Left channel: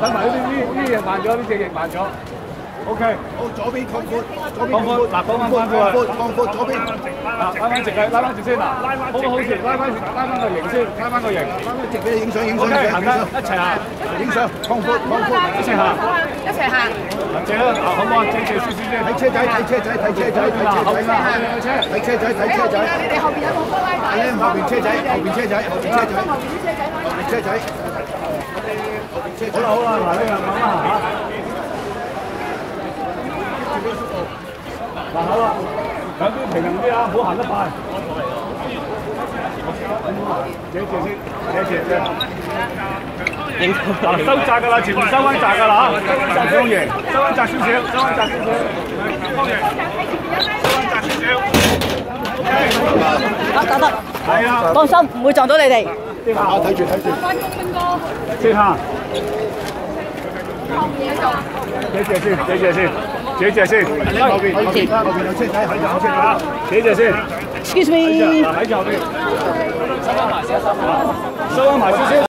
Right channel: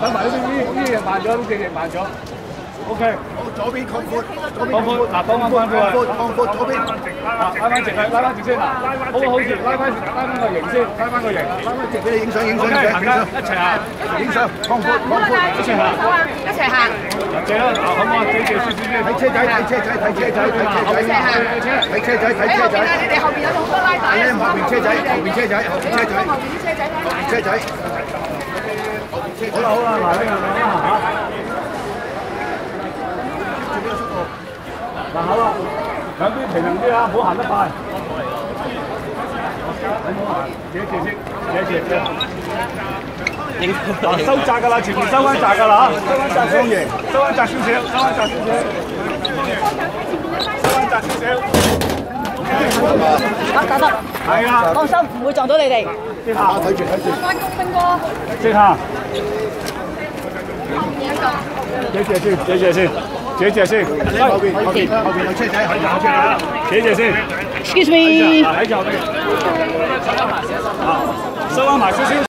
等埋呢隻慢咗，呢隻翼慢咗。OK， 好，左邊擴闊，左邊擴闊，嗱，擴闊左邊，拉翻直佢，拉翻直先，好先，拉翻個形先，拉翻個形，拉翻直俾你影相，一齊行，影相，擴闊，一齊行，一齊行。借啦，好唔好？借少少先。睇車仔，睇車仔，睇車仔，睇車仔，睇車仔，睇車仔。你哋後邊有好多拉帶。後邊車仔，後邊車仔，後邊車仔，後邊啲車仔，後邊車仔，後邊車仔。好啦，嗱呢個咁啦嚇。嗱好啦，兩邊平衡啲啊，唔好行得快。自己先，影嗱收窄㗎啦，全部收翻窄㗎啦嚇，雙贏，收翻窄少少，收翻窄少少，收翻窄少少。得，係啊，放心，唔會撞到你哋。睇住。兵哥，接下，繼續。借先，後邊有車仔，後邊有車仔，借先。Excuse me。喺後邊，收翻埋少少。